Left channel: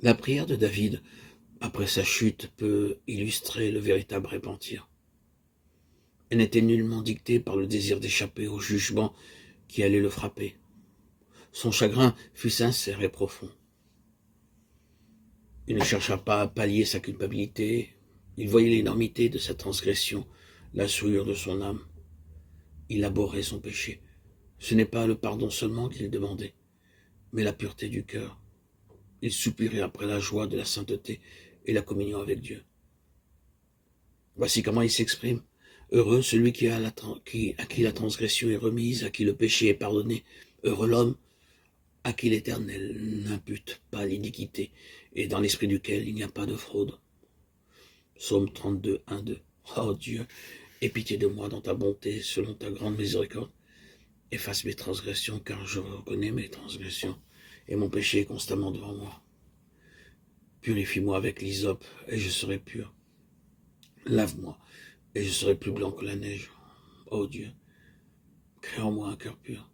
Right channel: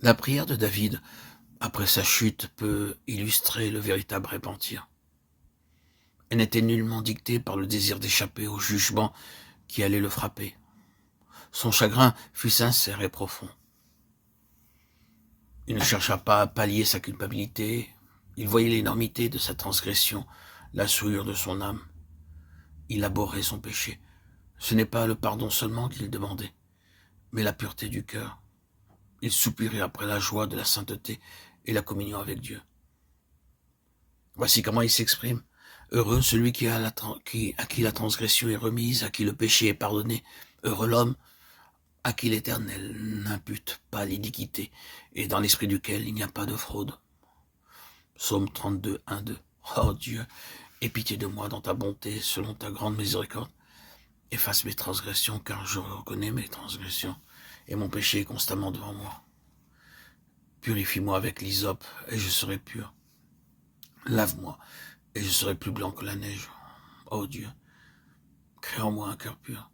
La prière de David, après sa chute, peut illustrer le véritable repentir. Elle n'était nullement dictée par le désir d'échapper au jugement qui allait le frapper. Son chagrin fut sincère et profond. Il ne chercha pas à pallier sa culpabilité. Il voyait l'énormité de sa transgression, la souillure de son âme. Il abhorrait son péché. Ce n'est pas le pardon seulement qu'il demandait, mais la pureté du cœur. Il soupirait après la joie de la sainteté et la communion avec Dieu. Voici comment il s'exprime. Heureux celui à qui la transgression est remise, à qui le péché est pardonné. Heureux l'homme à qui l'Éternel n'impute pas l'iniquité, et dans l'esprit duquel il n'y a pas de fraude. Psaume 32, 1, 2. Oh Dieu, aie pitié de moi dans ta bonté, selon ta grande miséricorde. Efface mes transgressions, car je reconnais mes transgressions, et mon péché est constamment devant moi. Purifie-moi avec l'hysope, et je serai pur. Lave-moi, et je serai plus blanc que la neige. Ô Dieu, crée en moi un cœur pur.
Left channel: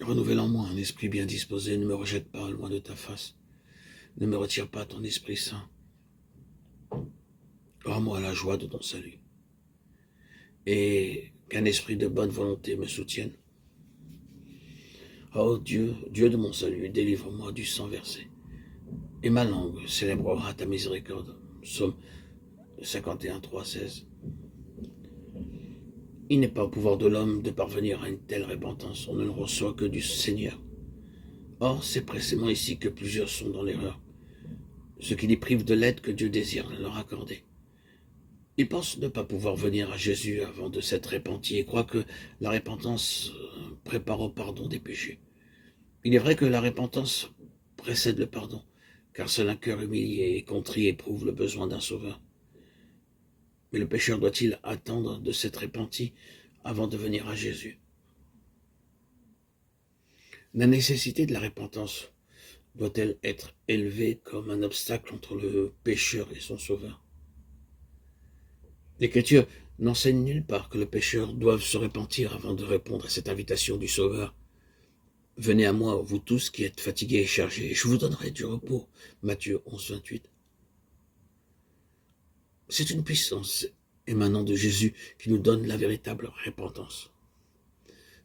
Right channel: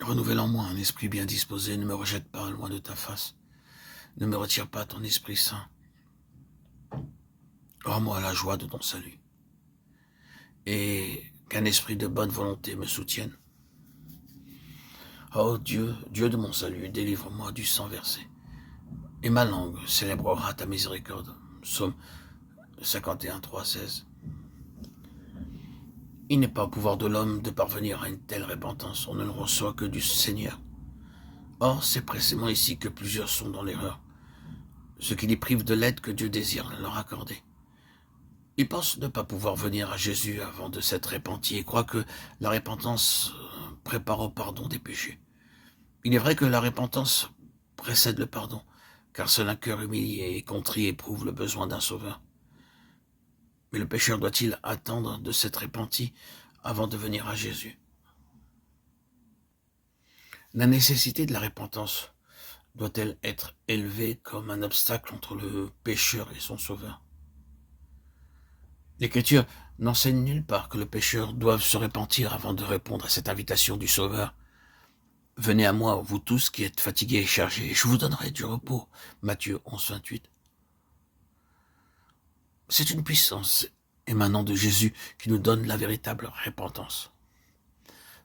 Renouvelle en moi un esprit bien disposé, ne me rejette pas loin de ta face. Ne me retire pas ton Esprit Saint. Rends-moi la joie de ton salut. Et qu'un esprit de bonne volonté me soutienne. Ô Dieu, Dieu de mon salut, délivre-moi du sang versé. Et ma langue célébrera ta miséricorde. Psaume 51, 3, 16. Il n'est pas au pouvoir de l'homme de parvenir à une telle repentance. On ne le reçoit que du Seigneur. Or, c'est précisément ici que plusieurs sont dans l'erreur, ce qui les prive de l'aide que Dieu désire leur accorder. Ils pensent ne pas pouvoir venir à Jésus avant de s'être repentis et croient que la repentance prépare au pardon des péchés. Il est vrai que la repentance précède le pardon, car seul un cœur humilié et contrit éprouve le besoin d'un sauveur. Mais le pécheur doit-il attendre de s'être repenti avant de venir à Jésus? La nécessité de la repentance doit-elle être élevée comme un obstacle entre le pécheur et son sauveur? L'Écriture n'enseigne nulle part que le pécheur doive se repentir avant de répondre à cette invitation du Sauveur. Venez à moi, vous tous qui êtes fatigués et chargés, et je vous donnerai du repos. Matthieu 11, 28. C'est une puissance émanant de Jésus qui nous donne la véritable repentance.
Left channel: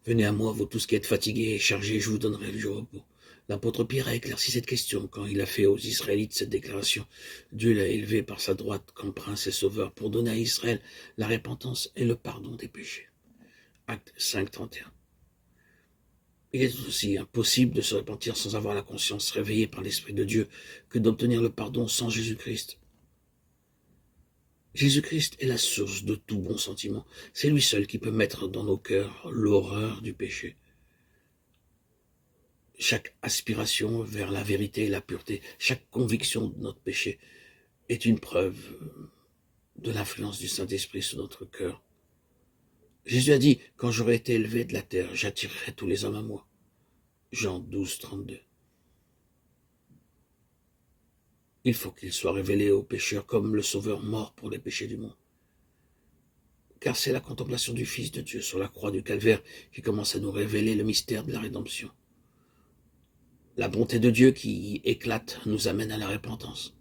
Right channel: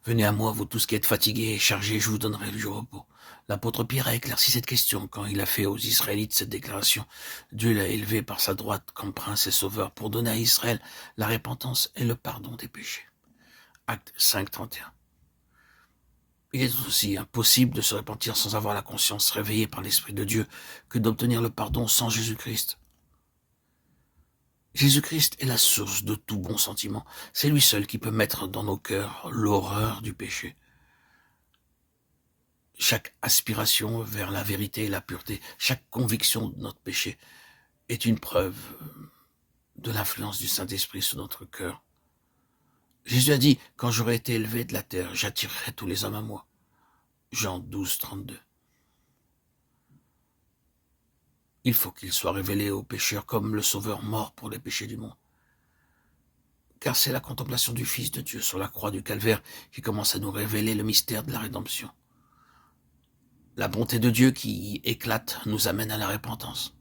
Venez à moi, vous tous qui êtes fatigués et chargés, je vous donnerai du repos. L'apôtre Pierre a éclairci cette question quand il a fait aux Israélites cette déclaration. Dieu l'a élevé par sa droite comme prince et sauveur pour donner à Israël la repentance et le pardon des péchés. Acte 5, 31. Il est aussi impossible de se repentir sans avoir la conscience réveillée par l'Esprit de Dieu que d'obtenir le pardon sans Jésus-Christ. Jésus-Christ est la source de tout bon sentiment. C'est lui seul qui peut mettre dans nos cœurs l'horreur du péché. Chaque aspiration vers la vérité et la pureté, chaque conviction de notre péché est une preuve de l'influence du Saint-Esprit sur notre cœur. Jésus a dit, quand j'aurai été élevé de la terre, j'attirerai tous les hommes à moi. Jean 12, 32. Il faut qu'il soit révélé aux pécheurs comme le Sauveur mort pour les péchés du monde. Car c'est la contemplation du Fils de Dieu sur la croix du Calvaire qui commence à nous révéler le mystère de la rédemption. La bonté de Dieu qui éclate nous amène à la repentance.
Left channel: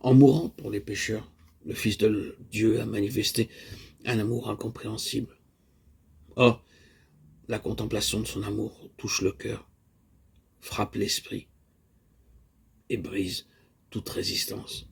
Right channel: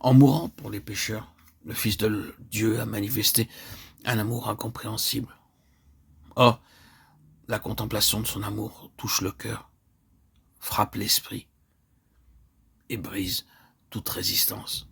En mourant pour les pécheurs, le Fils de Dieu a manifesté un amour incompréhensible. Or, la contemplation de son amour touche le cœur, frappe l'esprit et brise toute résistance.